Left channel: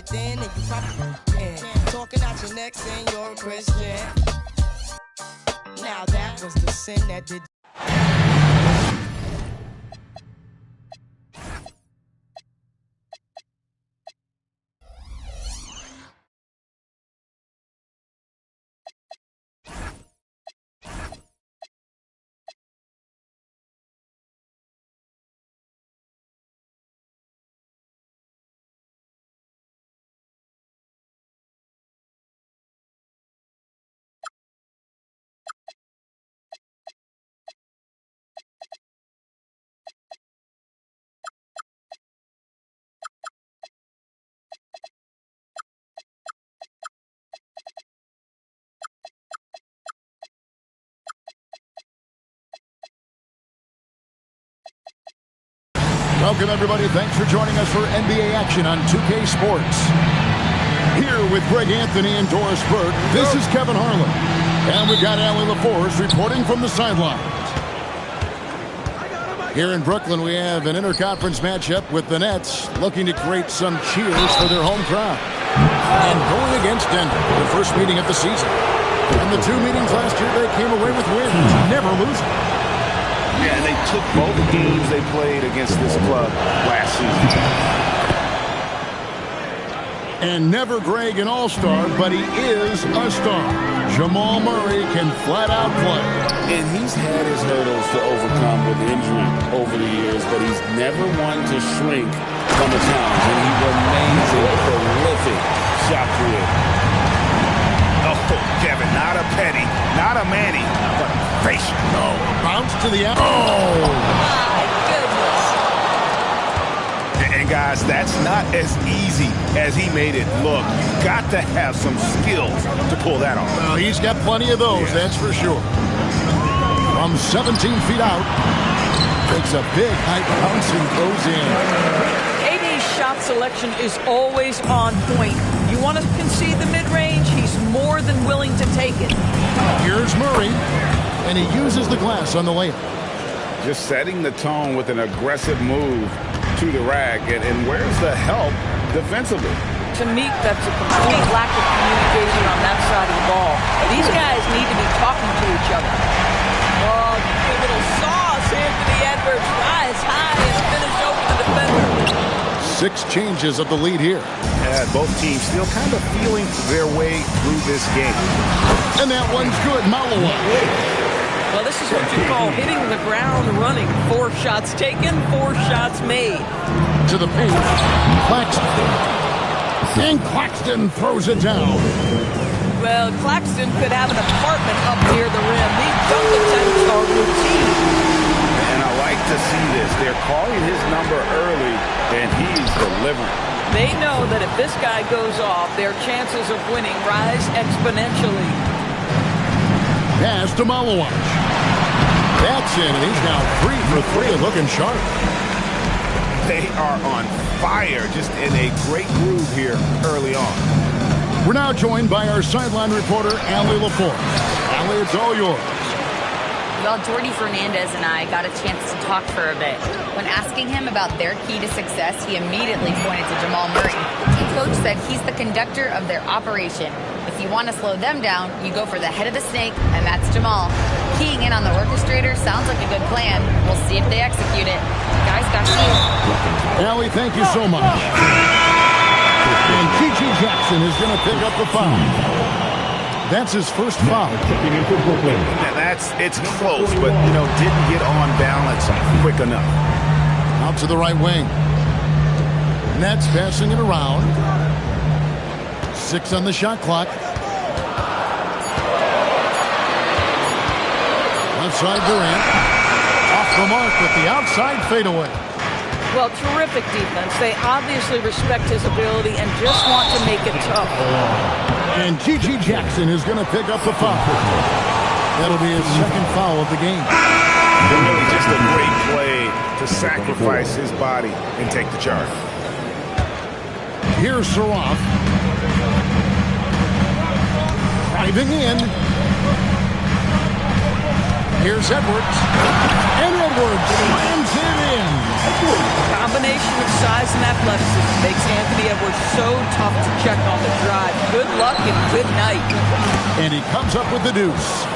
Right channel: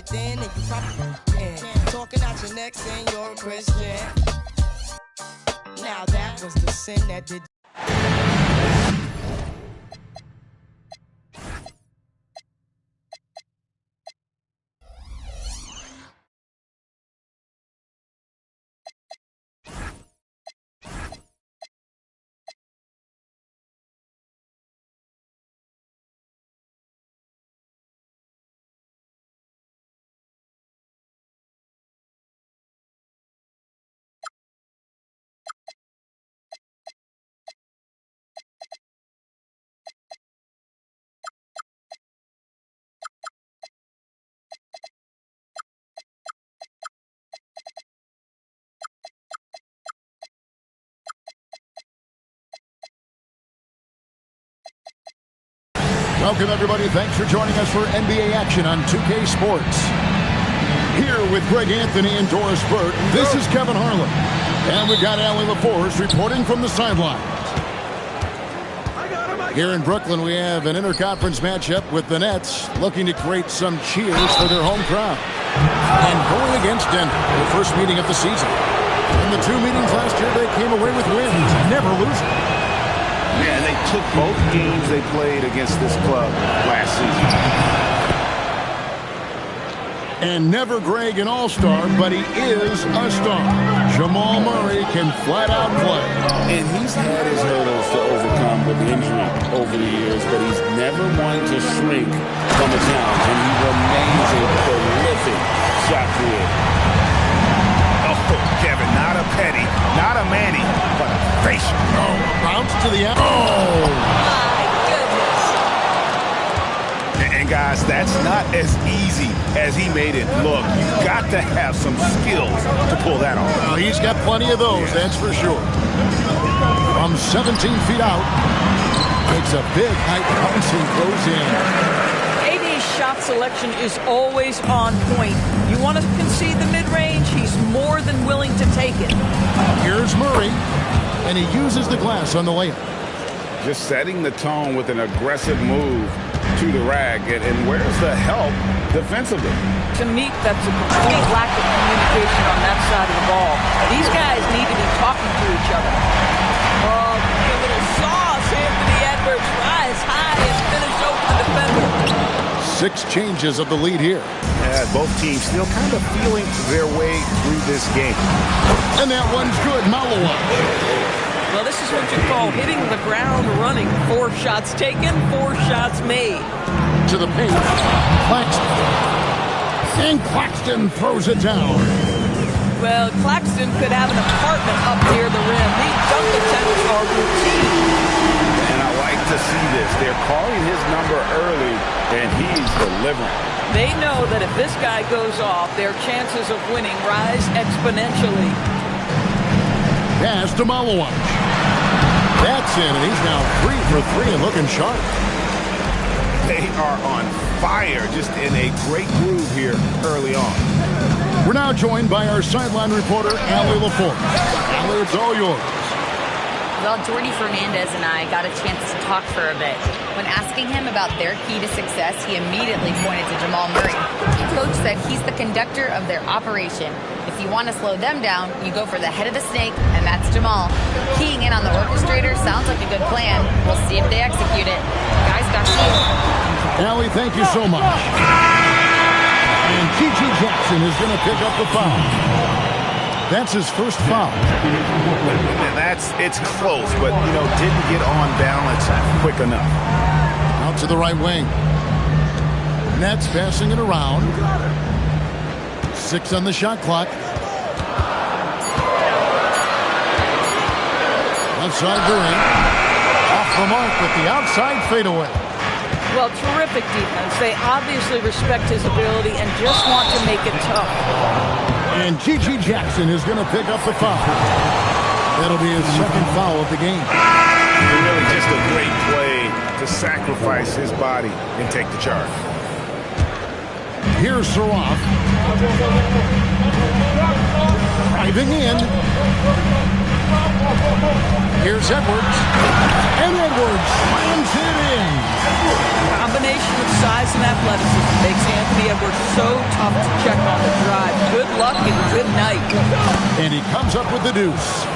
it then, and you probably can. Talking out your neck saying you're a Christian. Now that was the sin that did. Welcome, everybody. Thanks for joining us for NBA action on 2K Sports. Here with Greg Anthony and Doris Burt, this is Kevin Harlan. And we've got Allie LaForce reporting from the sidelines. Here in Brooklyn, we have an interconference matchup with the Nets looking to create some cheers for their home crowd. And going against Denver, their first meeting of the season. In the two meetings last year, they came away with wins, never losing. Yeah, and they took both games they played against this club last season. And never Greg an all-star, but he is a star. Jamal Murray can flat out play. And he's had his hurdles to overcome with injury over the years, but he's never one to shrink from a challenge, and he remains a prolific shot creator. Oh, Kevin, not a penny, not a Manny, but a facial. Oh, a bounce to the... Oh, my goodness. And guys, that's not as easy as he made it look. You've got to have some skills to pull that off. Well, he's got plenty of those, that's for sure. From 17 feet out, takes a big high bounce and goes in. AD's shot selection is always on point. You want to concede the mid-range, he's more than willing to take it. Here's Murray, and he uses the glass on the layup. Just setting the tone with an aggressive move to the rack, and where's the help defensively? To me, that's a complete lack of communication on that side of the ball. These guys need to be talking to each other. Oh, a little sauce. Anthony Edwards rise high and finish over the defender. 6 changes of the lead here. Yeah, both teams still kind of feeling their way through this game. And that one's good. Malawach. Well, this is what you call hitting the ground running. 4 shots taken, 4 shots made. To the paint, Claxton. And Claxton throws it down. Well, Claxton could have an apartment up near the rim. These dunk attempts are routine. And I like to see this. They're calling his number early, and he's delivering. They know that if this guy goes off, their chances of winning rise exponentially. Pass to Malawach. That's in, and he's now 3 for 3 and looking sharp. They are on fire, just in a great groove here early on. We're now joined by our sideline reporter, Allie LaForce. Allie, it's all yours. Well, Jordy Fernandez and I got a chance to talk for a bit. When asking him about their key to success, he immediately pointed to Jamal Murray. The coach said he's the conductor of their operation. If you want to slow them down, you go for the head of the snake, and that's Jamal. Keying in on the orchestrator sounds like a good plan. We'll see if they execute it. Guys, back to you. Allie, thank you so much. And Gm2 Jackson is going to pick up the foul. That's his first foul. It's close, but, didn't get on balance quick enough. Out to the right wing. Nets passing it around. 6 on the shot clock. Left side Durant. Off the mark with the outside fadeaway. Well, terrific defense. They obviously respect his ability and just want to make it tough. And Gm2 Jackson is going to pick up the foul. That'll be his second foul of the game. And really just a great play to sacrifice his body and take the charge. Here's Saroff. Driving in. Here's Edwards. And Edwards slams it in. Combination of size and athleticism makes Anthony Edwards so tough to check on the drive. Good luck and good night. And he comes up with the deuce.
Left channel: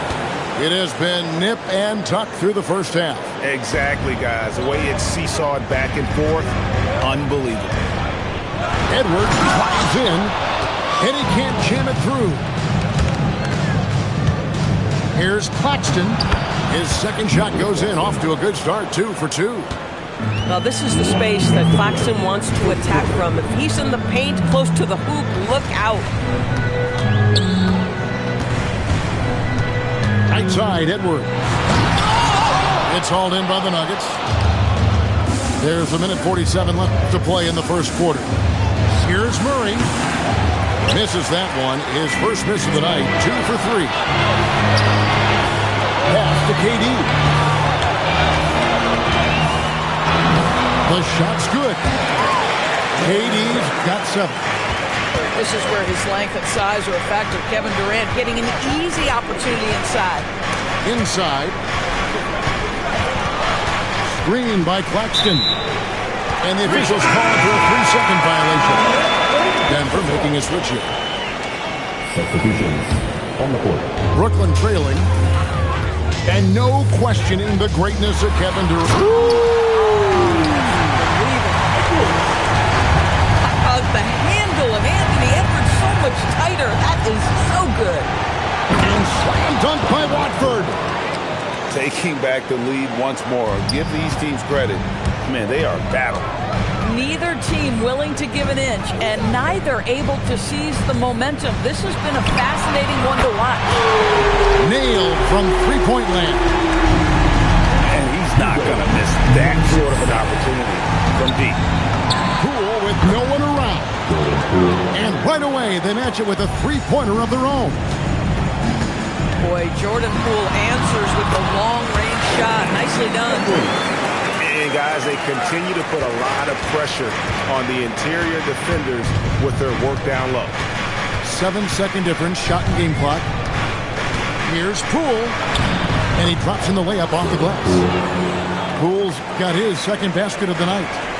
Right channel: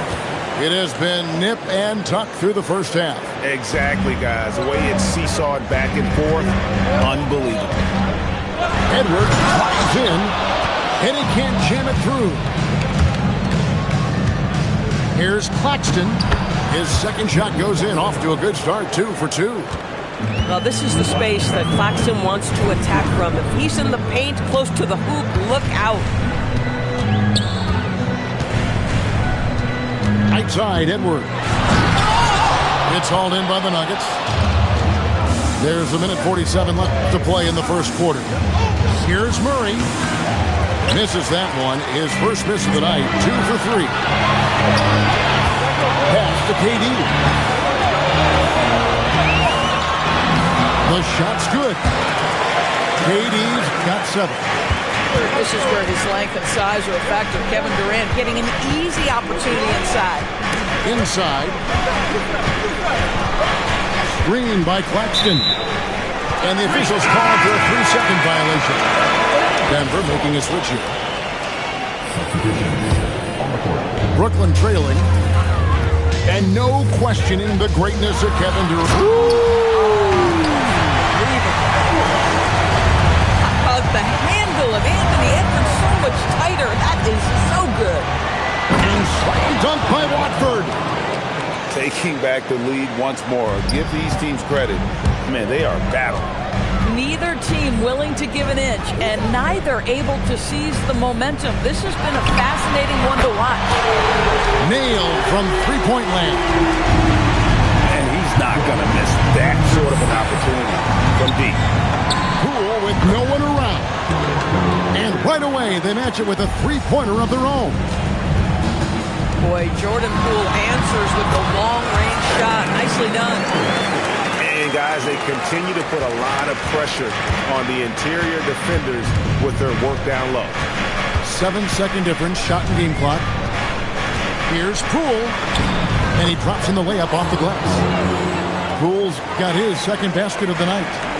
It has been nip and tuck through the first half. Exactly, guys. The way it's seesawed back and forth, unbelievable. Edwards drives in, and he can't jam it through. Here's Claxton. His second shot goes in, off to a good start, 2 for 2. Now, this is the space that Claxton wants to attack from. If he's in the paint close to the hoop, look out. Right side, Edwards. It's hauled in by the Nuggets. There's a minute 47 left to play in the first quarter. Here's Murray. Misses that one. His first miss of the night, 2 for 3. Pass to KD. The shot's good. KD's got 7. This is where his length and size are a factor. Kevin Durant getting an easy opportunity inside. Inside. Screen by Claxton. And the officials call for a 3-second violation. Denver making a switch here. Substitutions on the court. Brooklyn trailing. And no questioning the greatness of Kevin Durant. The handle of Anthony Edwards so much tighter. That is so good. And slam dunk by Watford. Taking back the lead once more. Give these teams credit. Man, they are battling. Neither team willing to give an inch, and neither able to seize the momentum. This has been a fascinating one to watch. Nailed from three-point land. And he's not going to miss that sort of an opportunity from deep. Poole with no one around. And right away, they match it with a three-pointer of their own. Boy, Jordan Poole answers with the long-range shot. Nicely done. And, guys, they continue to put a lot of pressure on the interior defenders with their work down low. 7-second difference, shot and game clock. Here's Poole. And he drops in the layup off the glass. Poole's got his second basket of the night.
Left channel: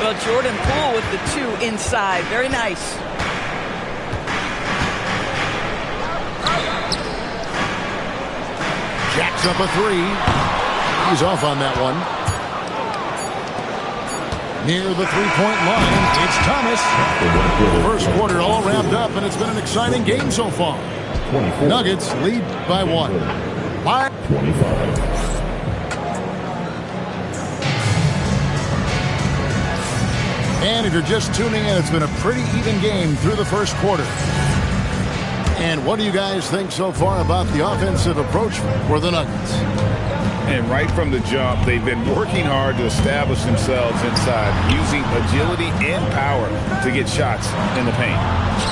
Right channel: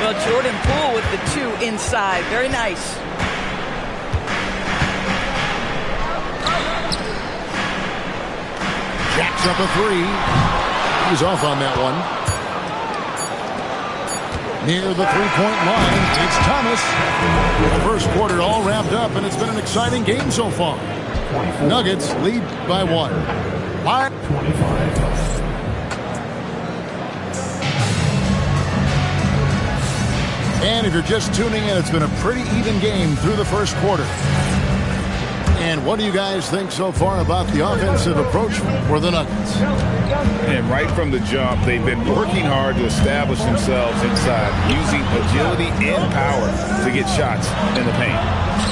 Well, Jordan Poole with the 2 inside. Very nice. Jacks up a 3. He's off on that one. Near the three-point line, it's Thomas. The first quarter all wrapped up, and it's been an exciting game so far. Nuggets lead by 1. 25. And if you're just tuning in, it's been a pretty even game through the first quarter. And what do you guys think so far about the offensive approach for the Nuggets? And right from the jump, they've been working hard to establish themselves inside, using agility and power to get shots in the paint.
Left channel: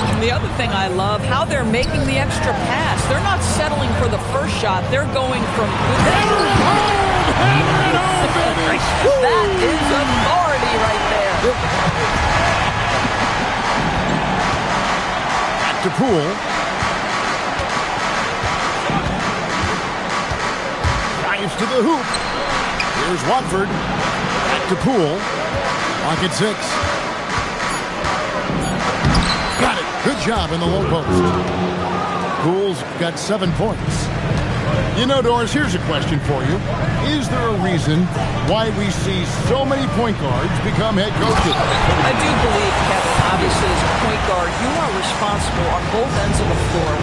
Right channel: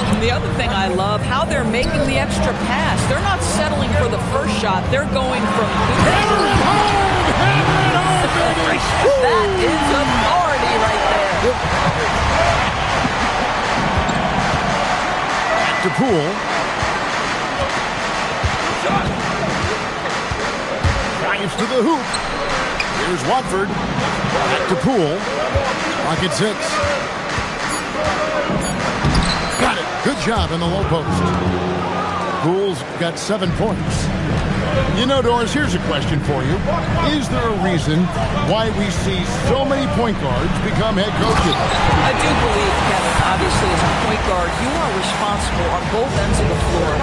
And the other thing I love, how they're making the extra pass. They're not settling for the first shot. They're going from good. Hammer it home! Hammer it home, baby! That is authority right there. Back to Poole. Drives to the hoop. Here's Watford. Back to Poole. Clock at 6. Got it. Good job in the low post. Poole's got 7 points. You know, Doris, here's a question for you. Is there a reason why we see so many point guards become head coaches? I do believe, Kevin, obviously as a point guard, you are responsible on both ends of the floor.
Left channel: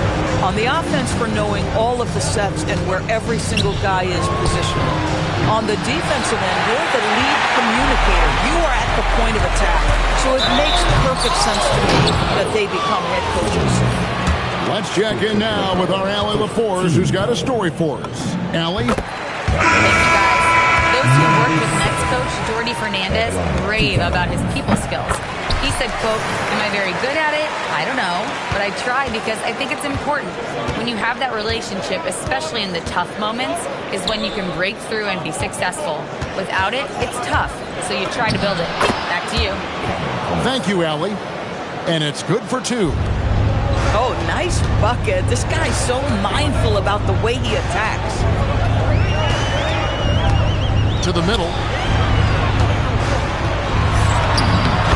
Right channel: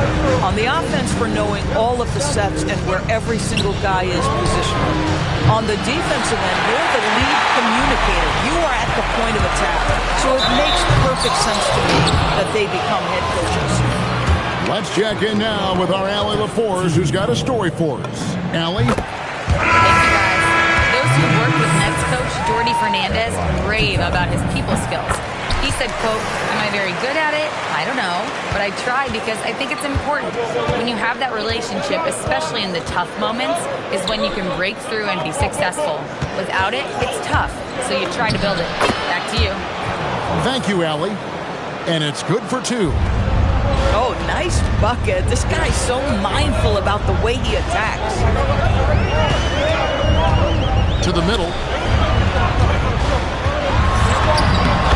On the offense for knowing all of the sets and where every single guy is positionally. On the defensive end, you're the lead communicator. You are at the point of attack. So it makes perfect sense to me that they become head coaches. Let's check in now with our Allie LaForce, who's got a story for us. Allie? Thank you, guys. Those who worked with Nets coach Jordi Fernandez rave about his people skills. He said, quote, "Am I very good at it? I don't know, but I try because I think it's important. When you have that relationship, especially in the tough moments, is when you can break through and be successful. Without it, it's tough, so you try to build it." Back to you. Thank you, Allie. And it's good for 2. Oh, nice bucket. This guy's so mindful about the way he attacks. to the middle.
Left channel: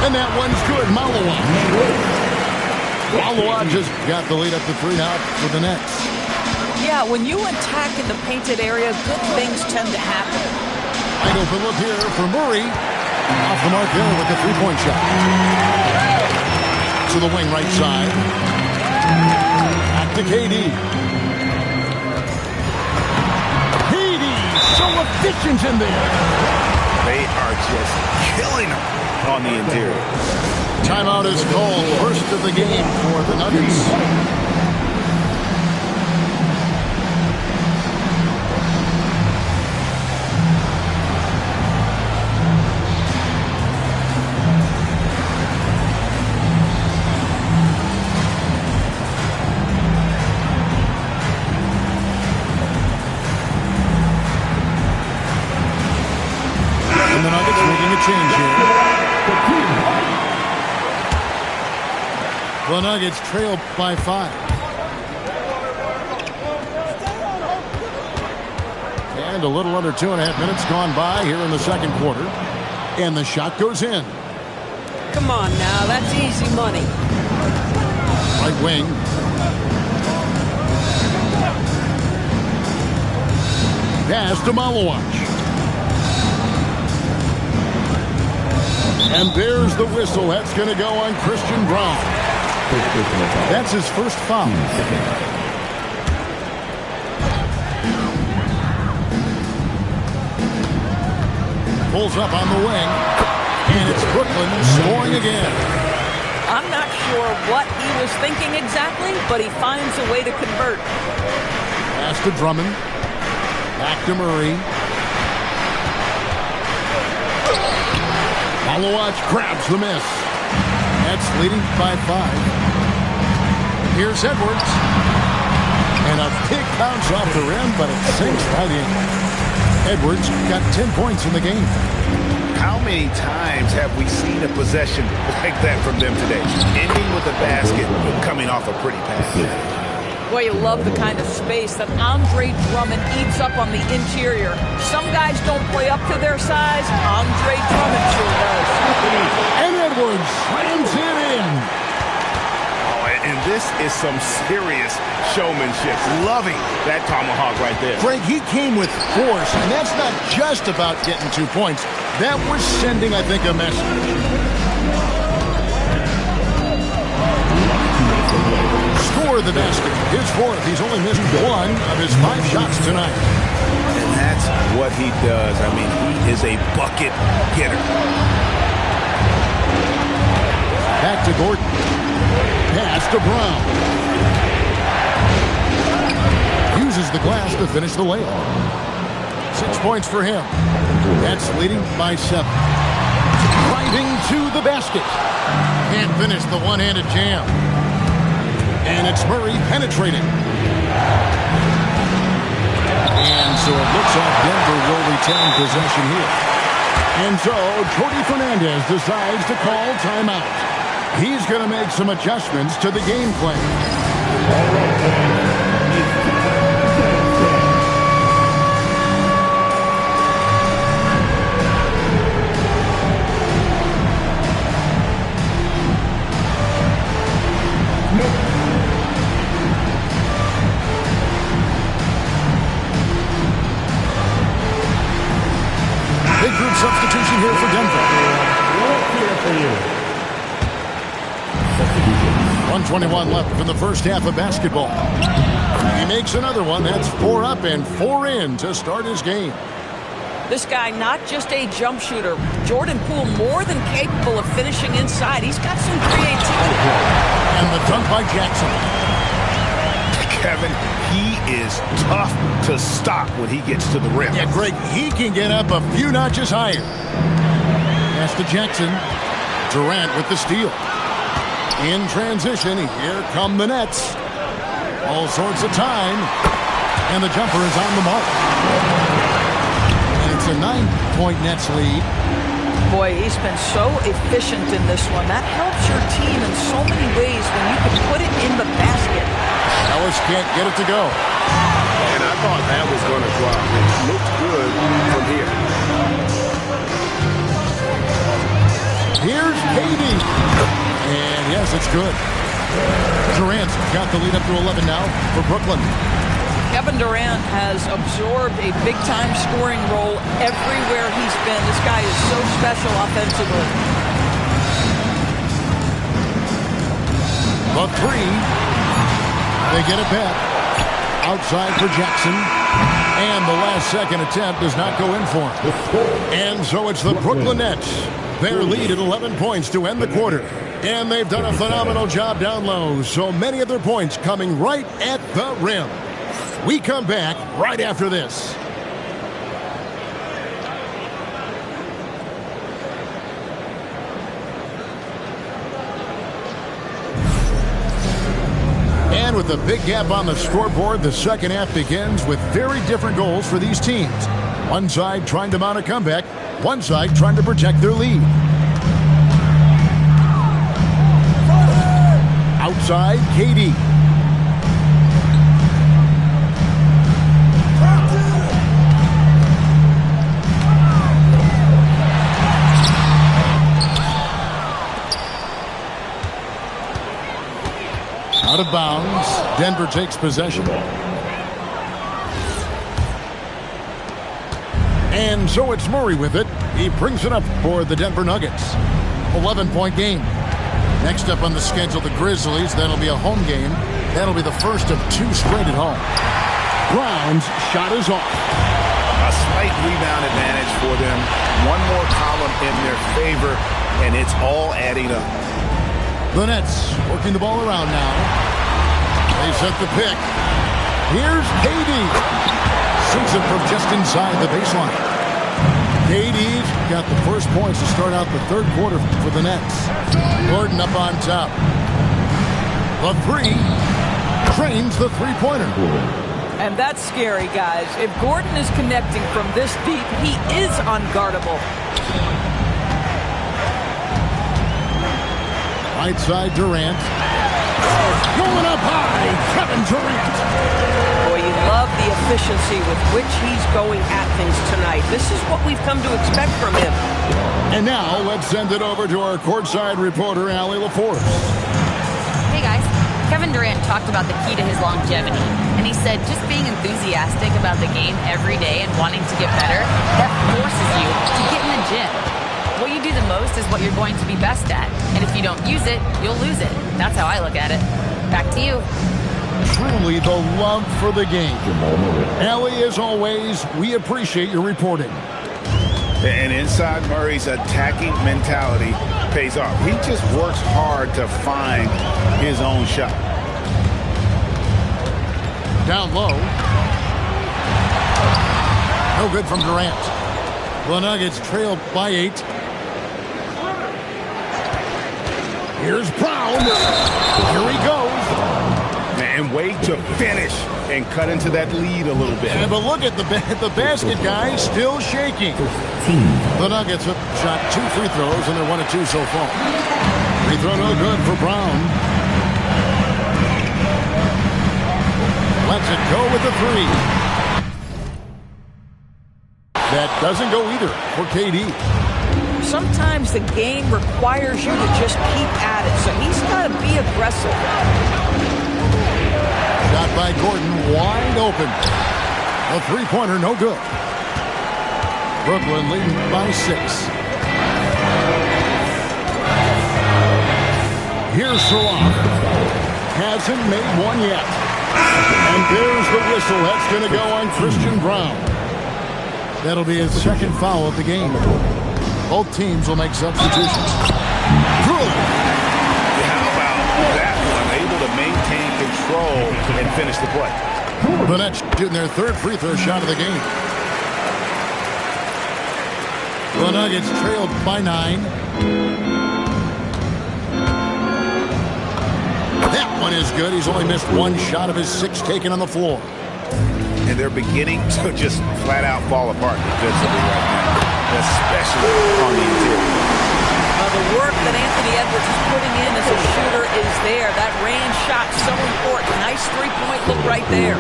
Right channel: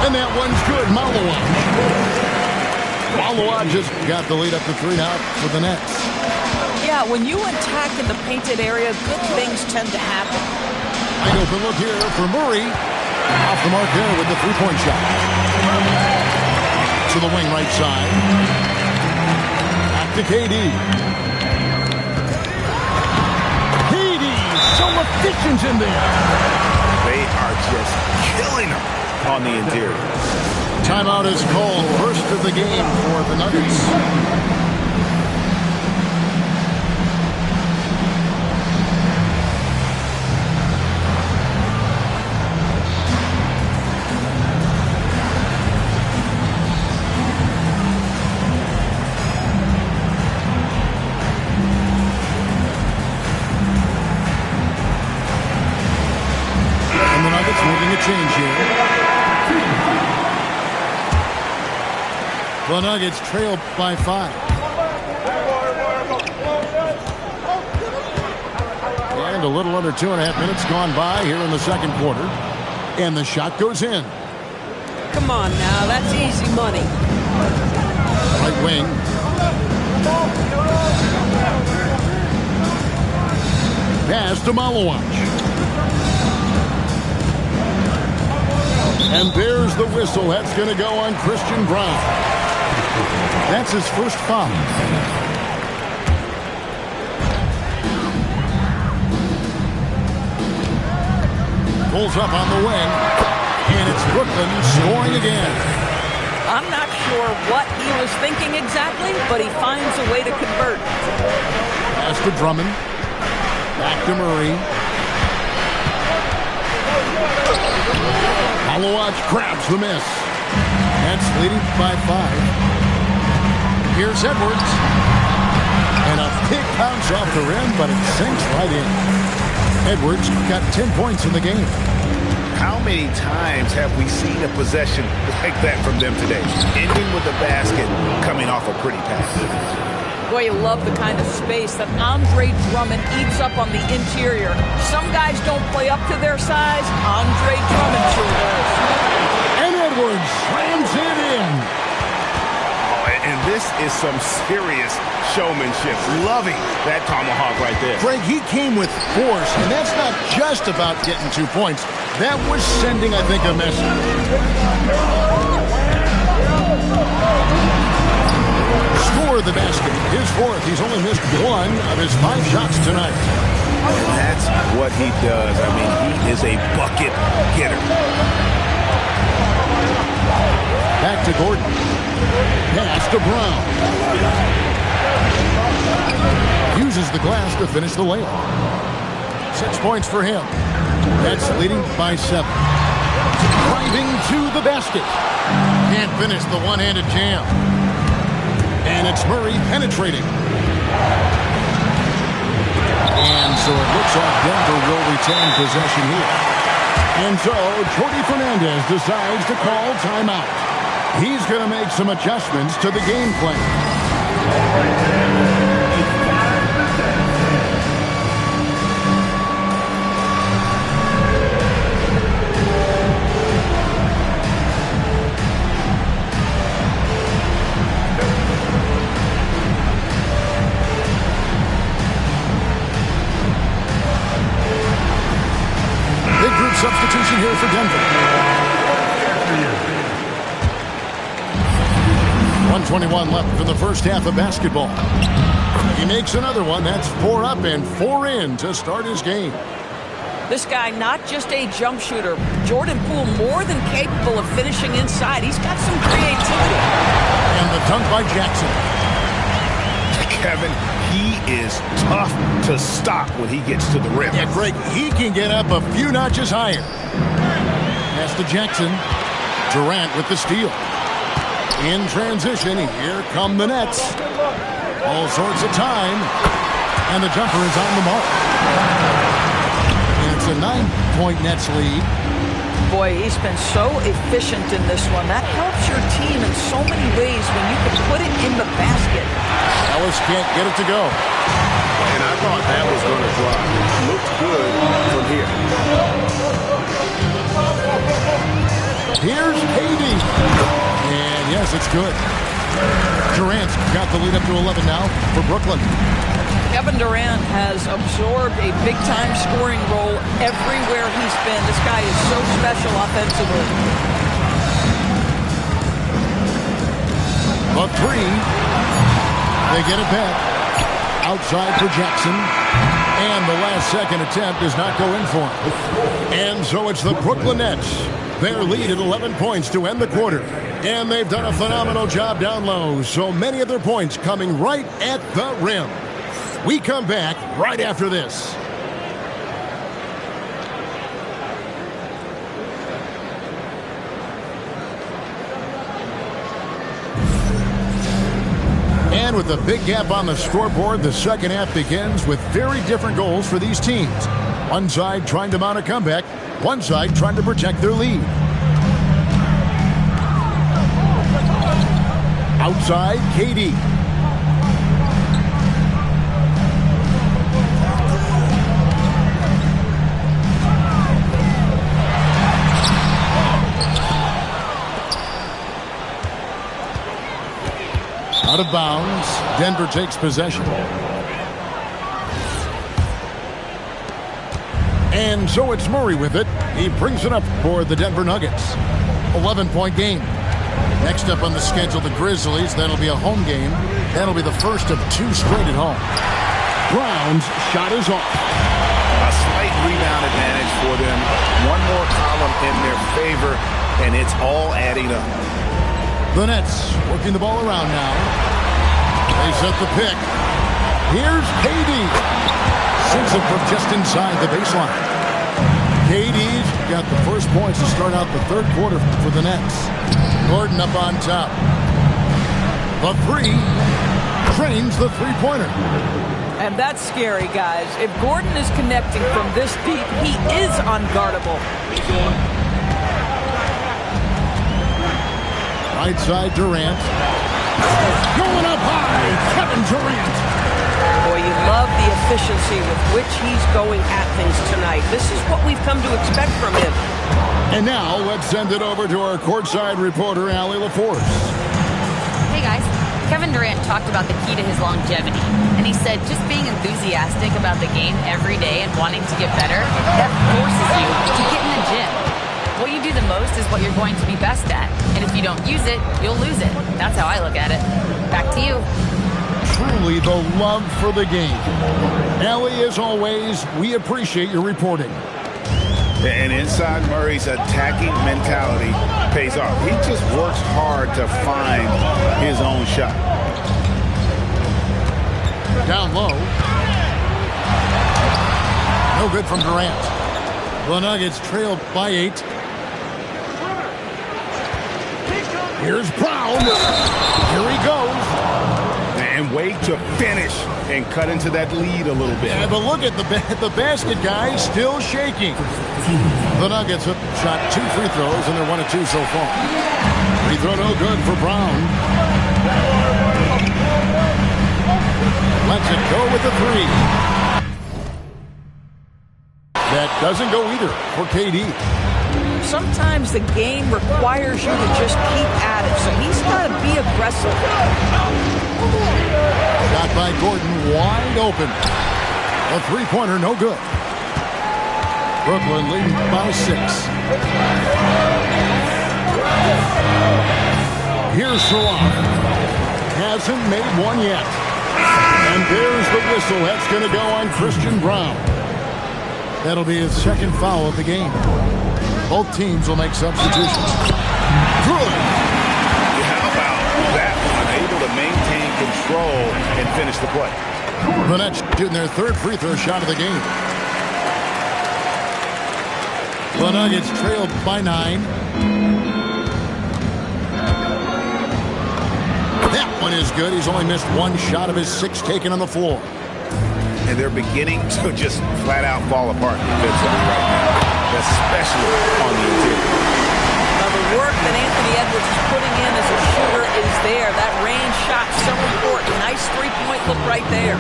And that one's good. Malawaj has got the lead up to 3 now for the Nets. Yeah, when you attack in the painted area, good things tend to happen. Wide open look here for Murray. Off the mark there with the three-point shot. To the wing right side. Back to KD. KD, so efficient in there. They are just killing them on the interior. Timeout is called. First of the game for the Nuggets. And the Nuggets making a change here. The Nuggets trail by 5. And a little under 2.5 minutes gone by here in the second quarter. And the shot goes in. Come on now, that's easy money. Right wing. Pass to Malawaj. And there's the whistle. That's going to go on Christian Brown. That's his first foul. Pulls up on the wing. And it's Brooklyn scoring again. I'm not sure what he was thinking exactly, but he finds a way to convert. Pass to Drummond. Back to Murray. Malawaj grabs the miss. That's leading by 5. Here's Edwards. And a big bounce off the rim, but it sinks right in. Edwards got 10 points in the game. How many times have we seen a possession like that from them today? Ending with a basket, coming off a pretty pass. Boy, you love the kind of space that Andre Drummond eats up on the interior. Some guys don't play up to their size. Andre Drummond sure does. And Edwards slams it in. Oh, and this is some serious showmanship. Loving that tomahawk right there. Greg, he came with force, and that's not just about getting 2 points. That was sending, I think, a message. Score the basket. His fourth. He's only missed 1 of his 5 shots tonight. And that's what he does. I mean, he is a bucket getter. Back to Gordon. Pass to Brown. Uses the glass to finish the layup. 6 points for him. That's leading by 7. Driving to the basket. Can't finish the one-handed jam. And it's Murray penetrating. And so it looks like Denver will retain possession here. And so Jordi Fernandez decides to call timeout. He's going to make some adjustments to the game plan. Big group substitution here for Denver. 1:21 left in the first half of basketball. He makes another one. That's 4 up and 4 in to start his game. This guy, not just a jump shooter. Jordan Poole more than capable of finishing inside. He's got some creativity. And the dunk by Jackson. Kevin, he is tough to stop when he gets to the rim. Yeah, Greg, he can get up a few notches higher. Pass to Jackson. Durant with the steal. In transition, here come the Nets. All sorts of time. And the jumper is on the mark. And it's a 9-point Nets lead. Boy, he's been so efficient in this one. That helps your team in so many ways when you can put it in the basket. Ellis can't get it to go. And I thought that was going to drop. It looked good from here. Here's KD. And yes, it's good. Durant's got the lead up to 11 now for Brooklyn. Kevin Durant has absorbed a big-time scoring role everywhere he's been. This guy is so special offensively. The three. They get it back. Outside for Jackson. And the last second attempt does not go in for him. And so it's the Brooklyn Nets. Their lead at 11 points to end the quarter. And they've done a phenomenal job down low. So many of their points coming right at the rim. We come back right after this. And with a big gap on the scoreboard, the second half begins with very different goals for these teams. One side trying to mount a comeback, one side trying to protect their lead. Outside, KD. Out of bounds. Denver takes possession. And so it's Murray with it. He brings it up for the Denver Nuggets. 11-point game. Next up on the schedule, the Grizzlies. That'll be a home game. That'll be the first of 2 straight at home. Brown's shot is off. A slight rebound advantage for them. One more column in their favor, and it's all adding up. The Nets working the ball around now. They set the pick. Here's KD. Sinks it from just inside the baseline. KD's got the first points to start out the third quarter for the Nets. Gordon up on top. The three. Trains the three-pointer. And that's scary, guys. If Gordon is connecting from this deep, he is unguardable. Right side, Durant. Going up high, Kevin Durant. Boy, you love the efficiency with which he's going at things tonight. This is what we've come to expect from him. And now, let's send it over to our courtside reporter, Allie LaForce. Hey, guys. Kevin Durant talked about the key to his longevity. And he said just being enthusiastic about the game every day and wanting to get better, that forces you to get in the gym. What you do the most is what you're going to be best at. And if you don't use it, you'll lose it. That's how I look at it. Back to you. Truly the love for the game. Allie, as always, we appreciate your reporting. And inside Murray's attacking mentality pays off. He just works hard to find his own shot. Down low. No good from Durant. The Nuggets trail by 8. Here's Brown. Here he goes. And wait to finish and cut into that lead a little bit. Yeah, but look at the basket, guys, still shaking. The Nuggets have shot 2 free throws, and they're 1 of 2 so far. Free throw no good for Brown. Lets it go with the 3. That doesn't go either for KD. Sometimes the game requires you to just keep at it, so he's got to be aggressive. Shot by Gordon, wide open. A three-pointer, no good. Brooklyn leading by 6. Here's Salah. Hasn't made one yet. And there's the whistle. That's going to go on Christian Brown. That'll be his second foul of the game. Both teams will make substitutions. Good. How about that one? Able to maintain control and finish the play. The Nets shooting their 3rd free throw shot of the game. The Nuggets trailed by 9. That one is good. He's only missed 1 shot of his 6 taken on the floor. And they're beginning to just flat out fall apart defensively right now, especially on the interior. The work that Anthony Edwards is putting in as a shooter is there. That range shot so important. Nice three-point look right there.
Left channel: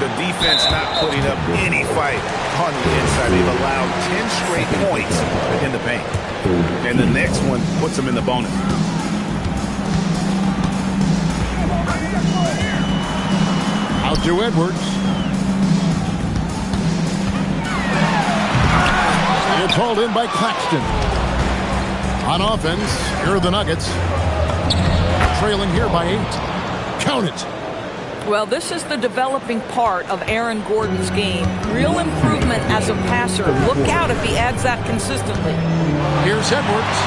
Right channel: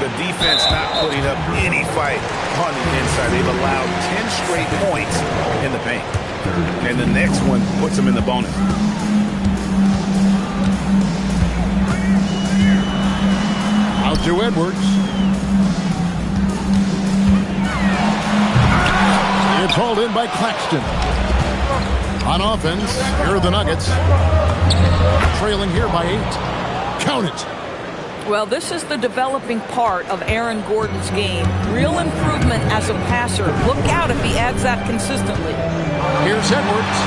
The defense not putting up any fight on the inside. They've allowed 10 straight points in the paint. And the next one puts them in the bonus. Out to Edwards. It's hauled in by Claxton. On offense, here are the Nuggets. Trailing here by 8. Count it. Well, this is the developing part of Aaron Gordon's game. Real improvement as a passer. Look out if he adds that consistently. Here's Edwards.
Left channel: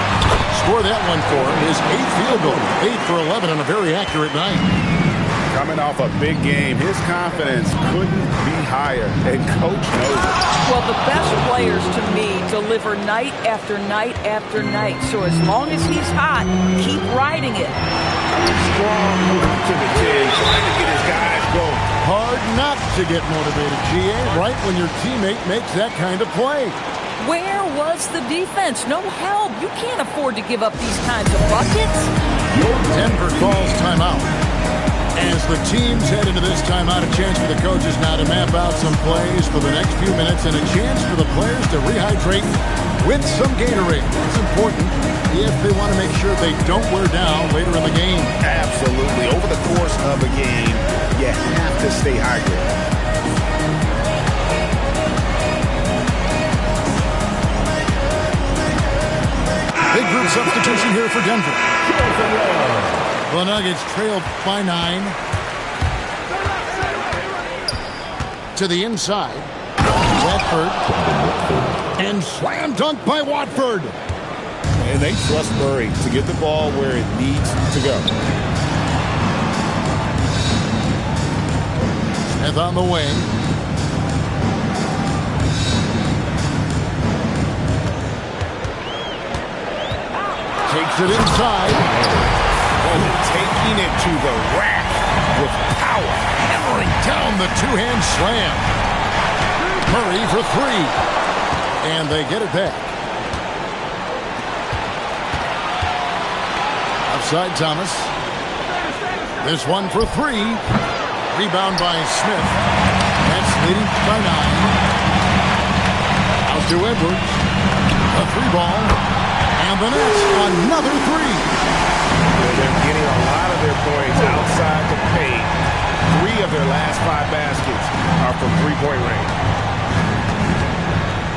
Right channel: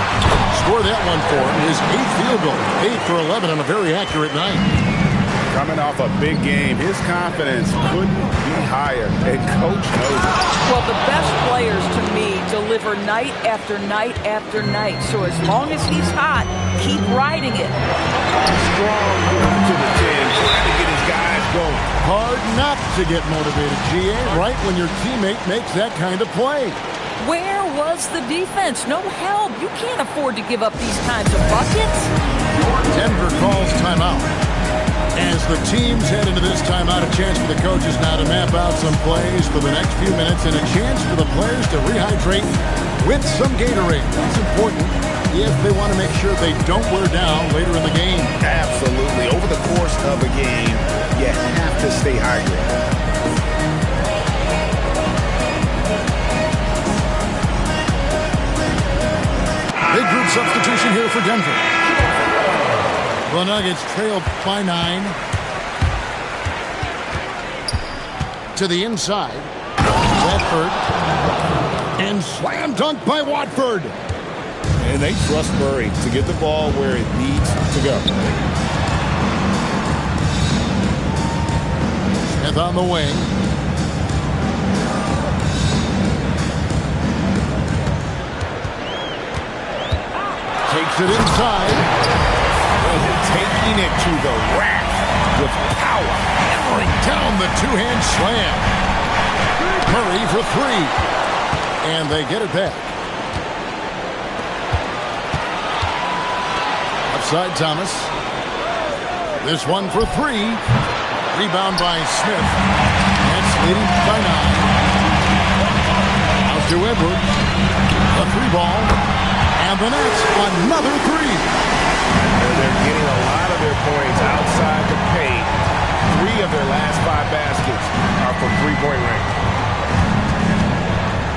Score that one for him. His 8th field goal. 8 for 11 on a very accurate night. Coming off a big game, his confidence couldn't be higher, and Coach knows it. Well, the best players, to me, deliver night after night after night. So as long as he's hot, keep riding it. Strong move to the 10, trying to get his guys going. Hard not to get motivated, GA, right when your teammate makes that kind of play. Where was the defense? No help. You can't afford to give up these kinds of buckets. Denver calls timeout. As the teams head into this timeout, a chance for the coaches now to map out some plays for the next few minutes and a chance for the players to rehydrate with some Gatorade. That's important if they want to make sure they don't wear down later in the game. Absolutely. Over the course of a game, you have to stay hydrated. Big group substitution here for Denver. The Nuggets trailed by 9. To the inside. Watford. And slam dunk by Watford. And they trust Murray to get the ball where it needs to go. Smith on the wing. Takes it inside. Taking it to the rack with power. Hammering down the two-hand slam. Murray for 3. And they get it back. Offside Thomas. This one for 3. Rebound by Smith. Nets leading by 9. Out to Edwards. A 3-ball. And the Nets another 3. They're getting a lot of their points outside the paint. 3 of their last 5 baskets are from three-point range.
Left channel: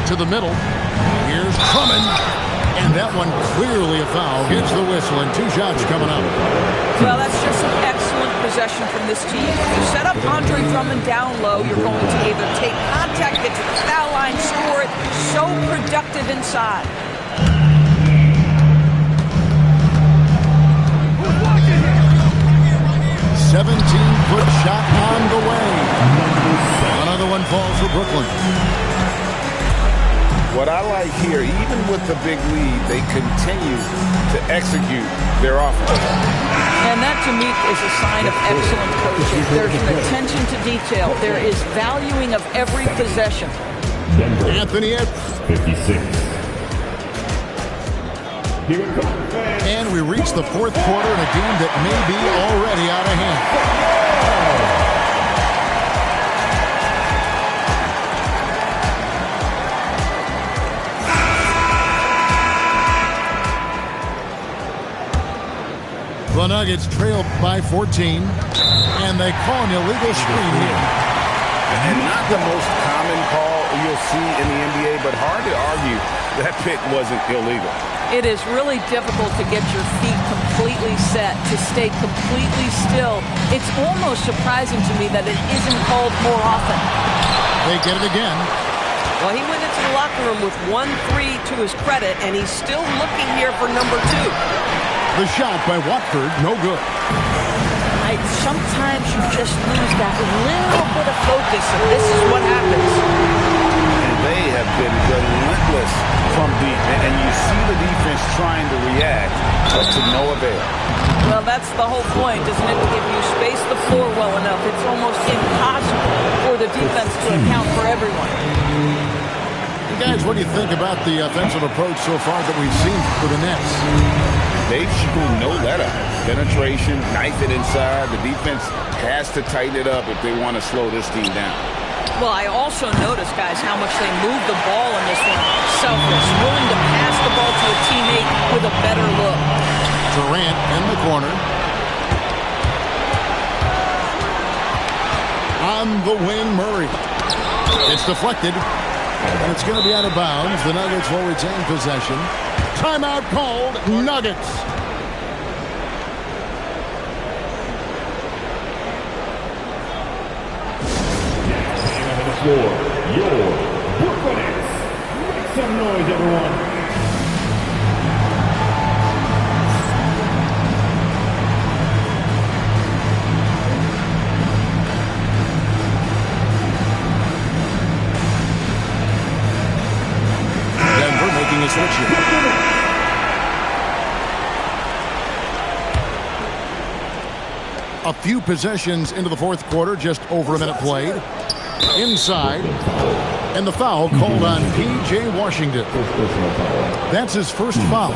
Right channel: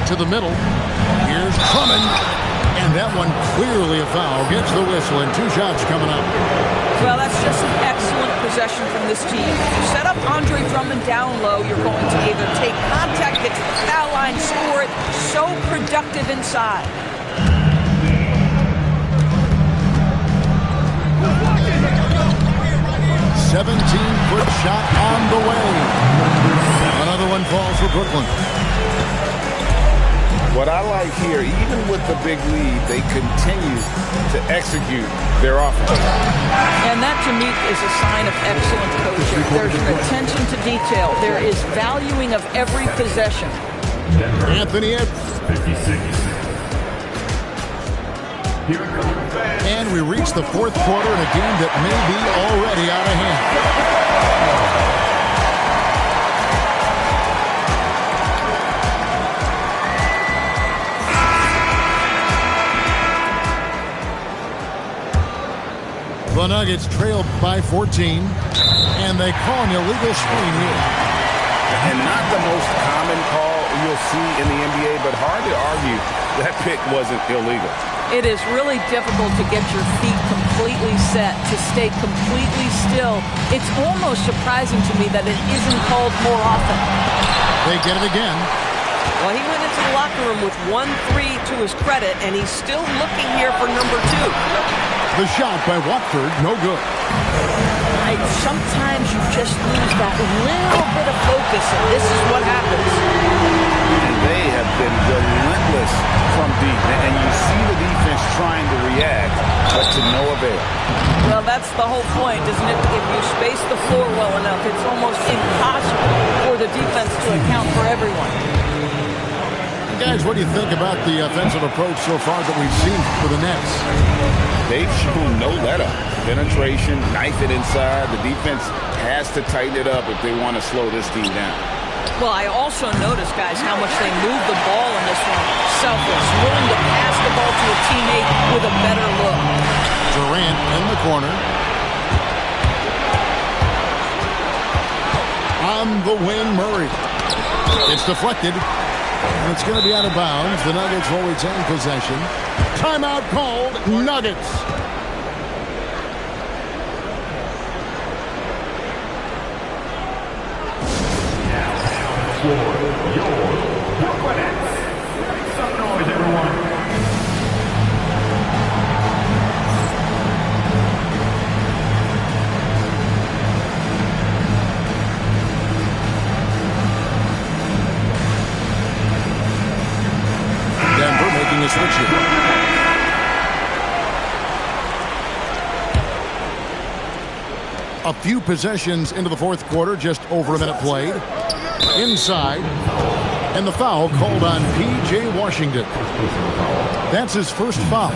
To the middle. Here's Drummond. And that one clearly a foul. Gets the whistle and 2 shots coming up. Well, that's just an excellent possession from this team. You set up Andre Drummond down low, you're going to either take contact, get to the foul line, score it. So productive inside. 17-foot shot on the way. Another one falls for Brooklyn. What I like here, even with the big lead, they continue to execute their offense. And that, to me, is a sign of excellent coaching. There's an attention to detail. There is valuing of every possession. Anthony Edwards. 56. And we reach the 4th quarter in a game that may be already out of hand. The Nuggets trailed by 14, and they call an illegal screen here. And not the most common call you'll see in the NBA, but hard to argue that pick wasn't illegal. It is really difficult to get your feet completely set, to stay completely still. It's almost surprising to me that it isn't called more often. They get it again. Well, he went into the locker room with 1-3 to his credit, and he's still looking here for number 2. The shot by Watford, no good. Sometimes you just lose that little bit of focus, and this is what happens. And they have been relentless from deep. And you see the defense trying to react, but to no avail. Well, that's the whole point, isn't it? If you space the floor well enough, it's almost impossible for the defense to account for everyone. guys, what do you think about the offensive approach so far that we've seen for the Nets? They've shown no let-up. Penetration, knife it inside. The defense has to tighten it up if they want to slow this team down. Well, I also noticed, guys, how much they move the ball in this one. Selfless, willing to pass the ball to a teammate with a better look. Durant in the corner. On the wing, Murray. It's deflected, and it's going to be out of bounds. The Nuggets will retain possession. Timeout called, Nuggets. For your Brooklyn Nets. Make some noise, everyone. Denver making a switch here. A few possessions into the fourth quarter, just over a minute played. Inside, and the foul called on P.J. Washington. That's his first foul.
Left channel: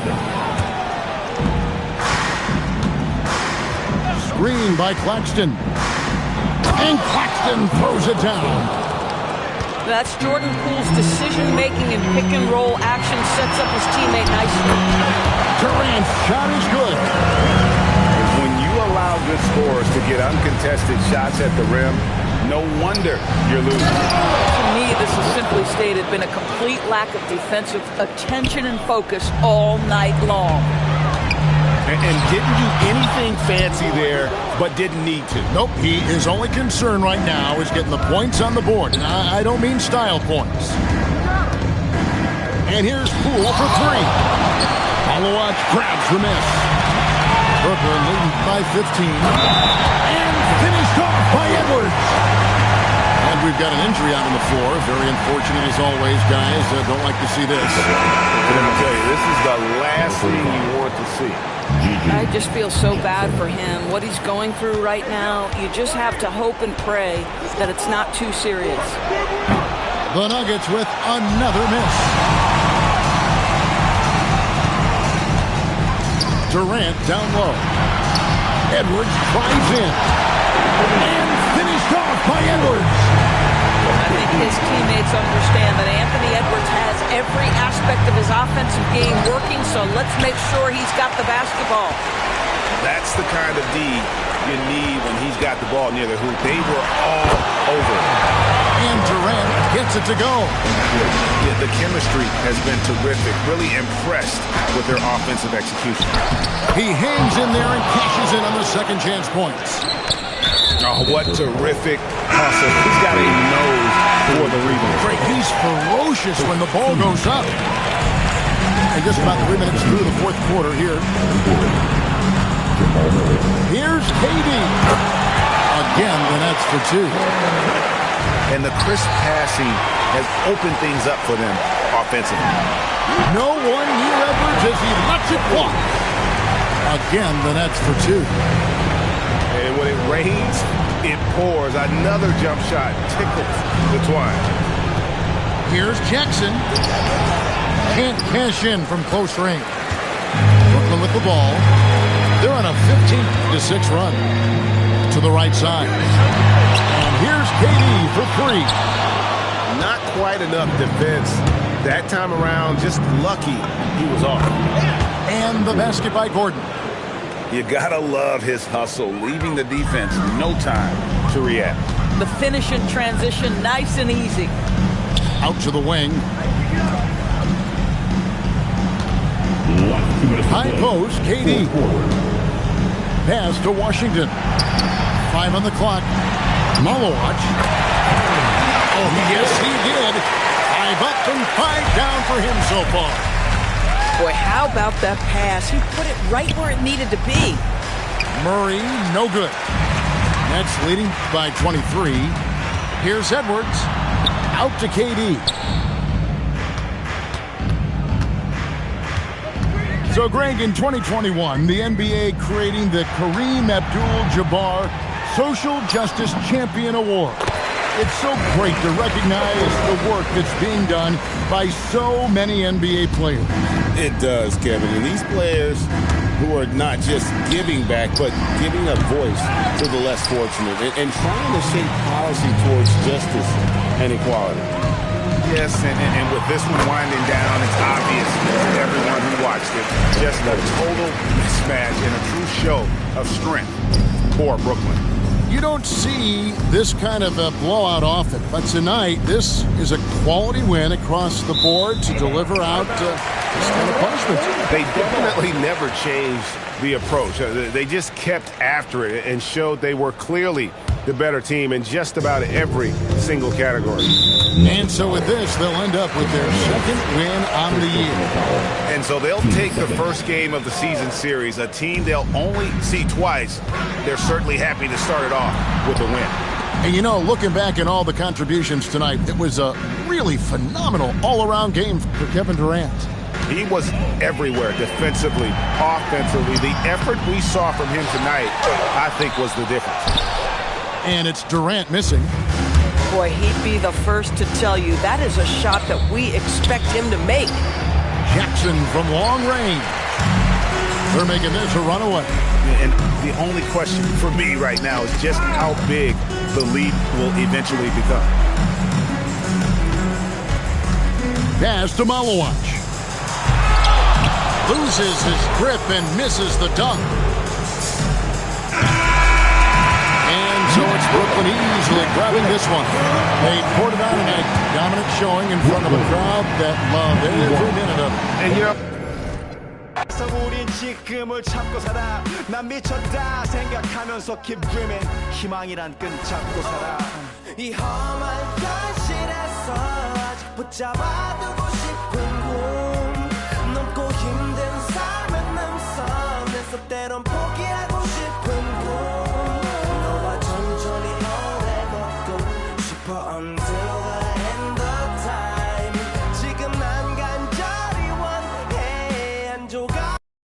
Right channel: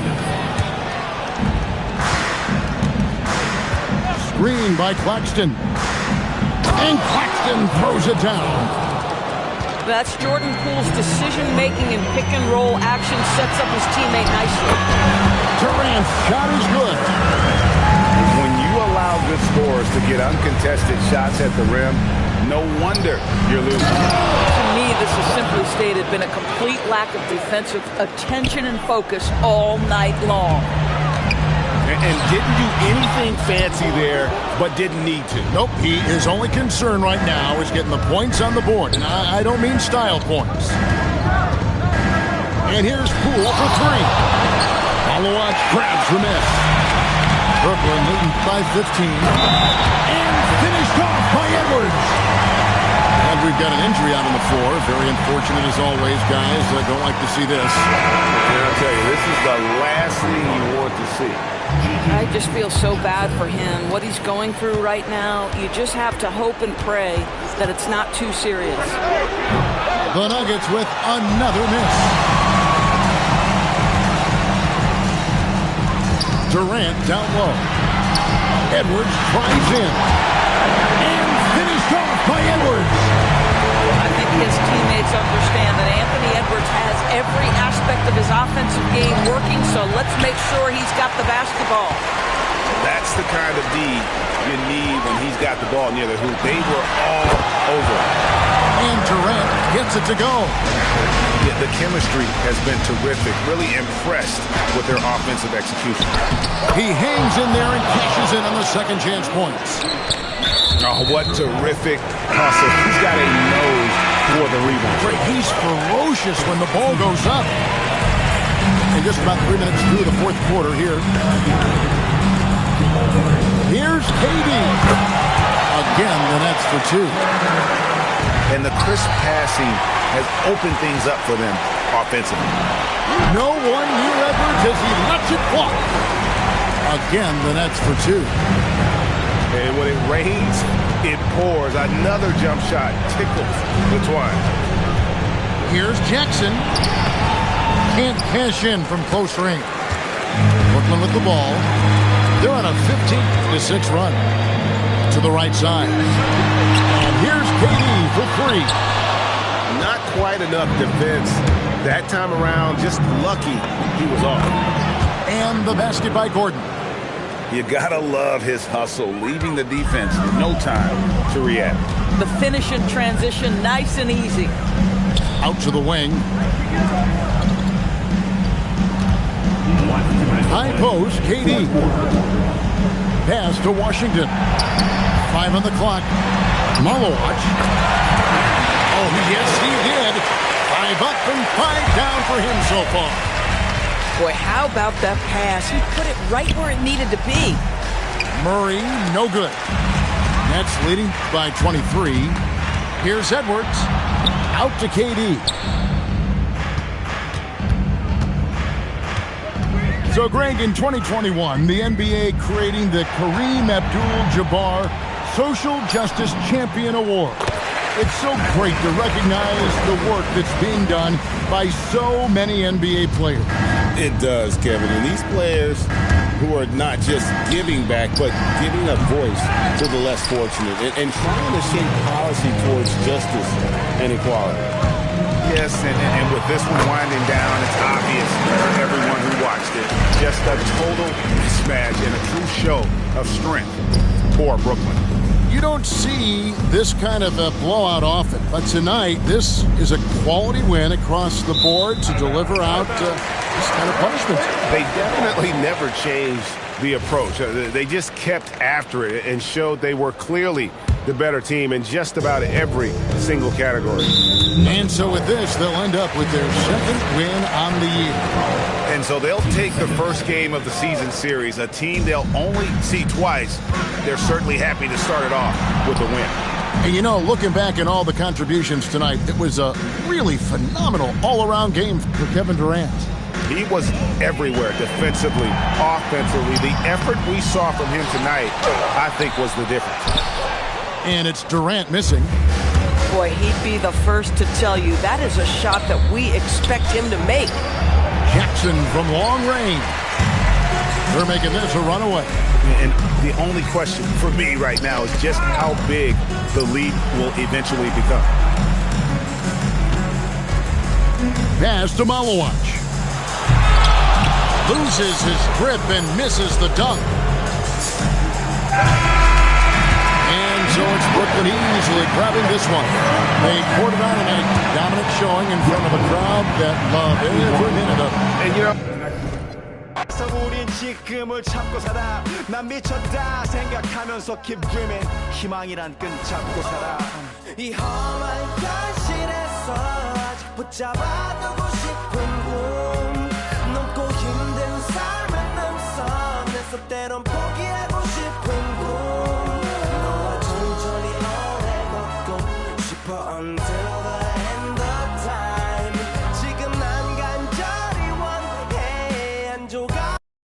Screen by Claxton. And Claxton throws it down. That's Jordan Poole's decision-making in pick-and-roll action, sets up his teammate nicely. Durant's shot is good. When you allow good scorers to get uncontested shots at the rim, no wonder you're losing. To me, this is simply stated been a complete lack of defensive attention and focus all night long. And didn't do anything fancy there, but didn't need to. Nope, his only concern right now is getting the points on the board. And I don't mean style points. And here's Poole for three. Follow-watch grabs the miss. Brooklyn leading by 15. And finished off by Edwards. And we've got an injury out on the floor. Very unfortunate as always, guys. Don't like to see this. And I'll tell you, this is the last thing you want to see. I just feel so bad for him. What he's going through right now, you just have to hope and pray that it's not too serious. The Nuggets with another miss. Durant down low. Edwards drives in. And finished off by Edwards. I think his teammates understand that Anthony Edwards has every aspect of his offensive game working, so let's make sure he's got the basketball. That's the kind of D you need when he's got the ball near the hoop. They were all over it. And Durant gets it to go. Yeah, the chemistry has been terrific. Really impressed with their offensive execution. He hangs in there and cashes in on the second chance points. Oh, what terrific hustle. He's got a nose for the rebound. Great. He's ferocious when the ball goes up. And just about 3 minutes through the fourth quarter here. Here's KD. Again, the Nets for two. And the crisp passing has opened things up for them offensively. No one near Edwards as he lets it walk. Again, the Nets for two. And when it rains, it pours. Another jump shot tickles the twine. Here's Jackson. Can't cash in from close range. Brooklyn with the ball. They're on a 15-6 run to the right side. And here's KD for three. Not quite enough defense that time around. Just lucky he was off. And the basket by Gordon. You gotta love his hustle, leaving the defense no time to react. The finish in transition, nice and easy. Out to the wing. High post, KD. Pass to Washington. 5 on the clock. Malowatch. Oh, yes, he did. 5 up and 5 down for him so far. Boy, how about that pass? He put it right where it needed to be. Murray, no good. Nets leading by 23. Here's Edwards. Out to KD. So, Greg, in 2021, the NBA creating the Kareem Abdul-Jabbar Social Justice Champion Award. It's so great to recognize the work that's being done by so many NBA players. It does, Kevin. And these players who are not just giving back, but giving a voice to the less fortunate and trying to shape policy towards justice and equality. Yes, and with this one winding down, it's obvious to everyone who watched it. Just a total mismatch and a true show of strength for Brooklyn. You don't see this kind of a blowout often, but tonight this is a quality win across the board to deliver out this kind of punishment. They definitely never changed the approach. They just kept after it and showed they were clearly the better team in just about every single category. And so with this, they'll end up with their second win on the year. And so they'll take the first game of the season series, a team they'll only see twice. They're certainly happy to start it off with a win. And you know, looking back at all the contributions tonight, it was a really phenomenal all-around game for Kevin Durant. He was everywhere, defensively, offensively. The effort we saw from him tonight, I think, was the difference. And it's Durant missing. Boy, he'd be the first to tell you that is a shot that we expect him to make. Jackson from long range. They're making this a runaway. And the only question for me right now is just how big the lead will eventually become. Pass to Malawach. Loses his grip and misses the dunk. And so it's Brooklyn easily grabbing this one. They poured it on tonight. Dominant showing in front of a crowd that loved every minute of it. And you know, 우린 지금을 참고 살아 난 미쳤다 생각하면서 keep dreaming 희망이란 끈 잡고 살아 이 험한 현실에서 아직 붙잡아두고 싶은 꿈 넘고 힘든 삶의 능선에서 때론